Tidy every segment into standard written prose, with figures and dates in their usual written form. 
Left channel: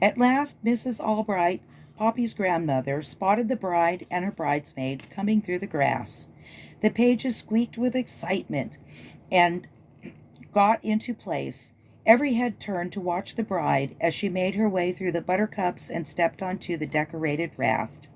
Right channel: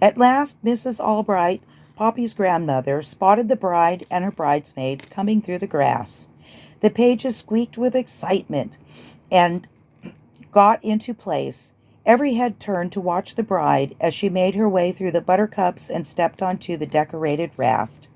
At last Mrs. Albright, Poppy's grandmother, spotted the bride and her bridesmaids coming through the grass. The pages squeaked with excitement and got into place. Every head turned to watch the bride as she made her way through the buttercups and stepped onto the decorated raft.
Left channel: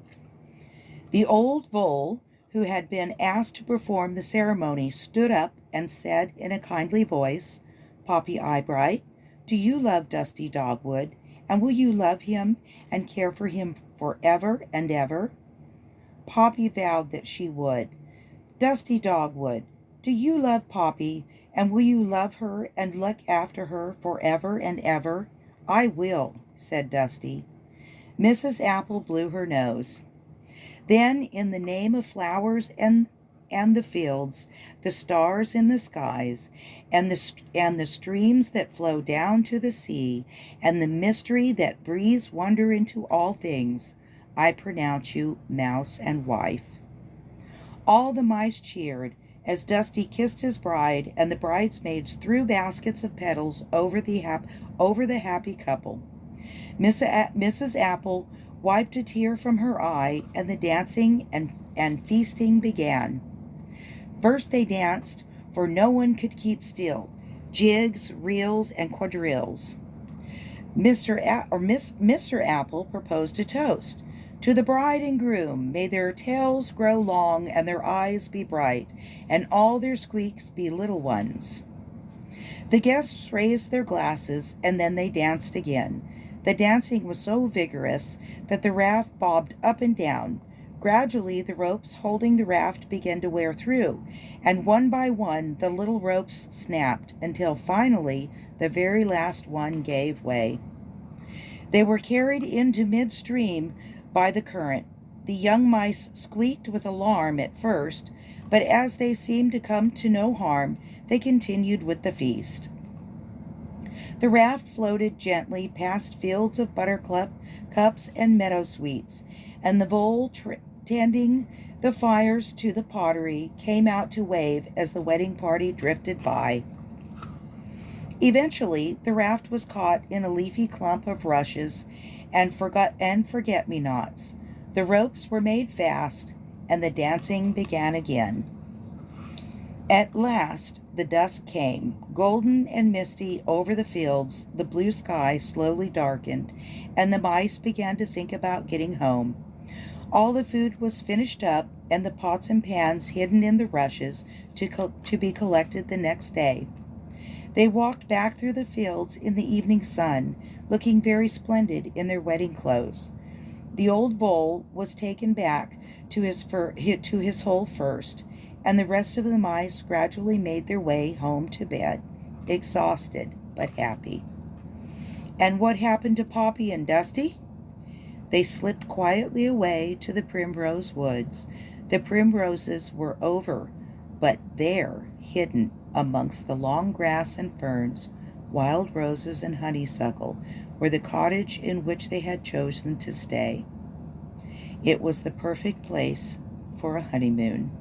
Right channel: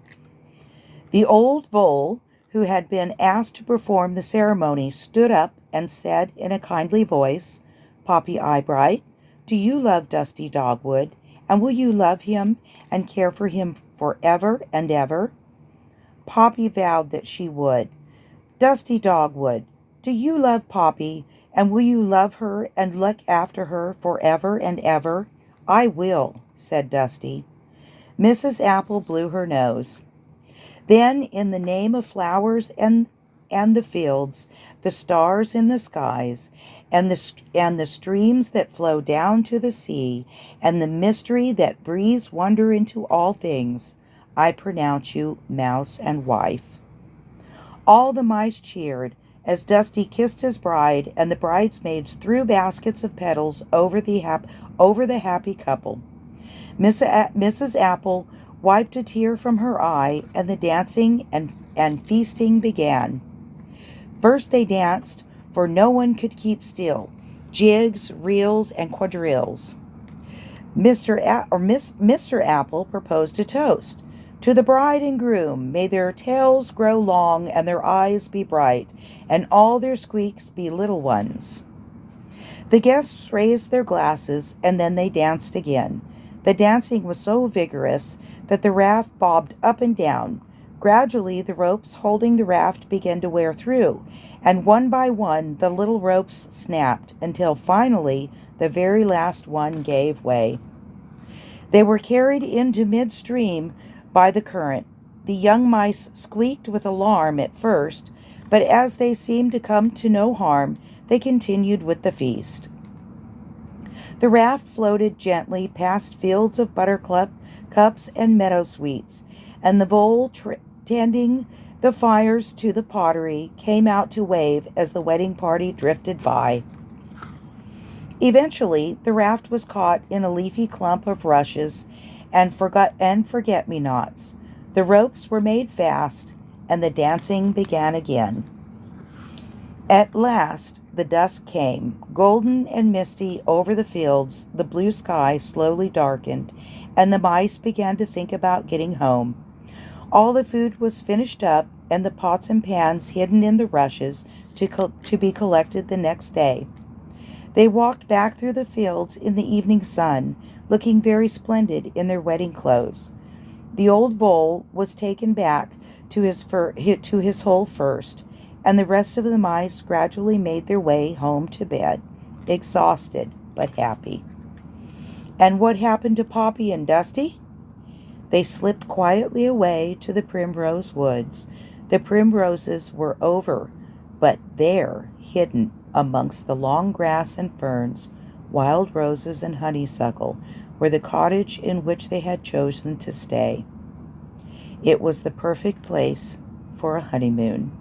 The old vole, who had been asked to perform the ceremony, stood up and said in a kindly voice, "Poppy Eyebright, do you love Dusty Dogwood, and will you love him and care for him forever and ever?" Poppy vowed that she would. "Dusty Dogwood, do you love Poppy, and will you love her and look after her forever and ever?" "I will," said Dusty. Mrs. Apple blew her nose. Then, in the name of flowers and the fields, the stars in the skies, and the streams that flow down to the sea, and the mystery that breathes wonder into all things, I pronounce you mouse and wife. All the mice cheered as Dusty kissed his bride, and the bridesmaids threw baskets of petals over the happy couple. Mrs. Apple wiped a tear from her eye, and the dancing and feasting began. First they danced, for no one could keep still, jigs, reels, and quadrilles. Mr. Apple proposed a toast. "To the bride and groom, may their tails grow long and their eyes be bright, and all their squeaks be little ones." The guests raised their glasses, and then they danced again. The dancing was so vigorous that the raft bobbed up and down. Gradually, the ropes holding the raft began to wear through, and one by one the little ropes snapped, until finally the very last one gave way. They were carried into midstream by the current. The young mice squeaked with alarm at first, but as they seemed to come to no harm, they continued with the feast. The raft floated gently past fields of buttercups and meadowsweets, and the vole, tending the fires to the pottery, came out to wave as the wedding party drifted by. Eventually, the raft was caught in a leafy clump of rushes and forget-me-nots. The ropes were made fast, and the dancing began again. At last the dusk came, golden and misty over the fields. The blue sky slowly darkened, and the mice began to think about getting home. All the food was finished up, and the pots and pans hidden in the rushes to be collected the next day. They walked back through the fields in the evening sun, looking very splendid in their wedding clothes. The old vole was taken back to his hole first, and the rest of the mice gradually made their way home to bed, exhausted but happy. And what happened to Poppy and Dusty? They slipped quietly away to the primrose woods. The primroses were over, but there, hidden amongst the long grass and ferns, wild roses and honeysuckle, were the cottage in which they had chosen to stay. It was the perfect place for a honeymoon.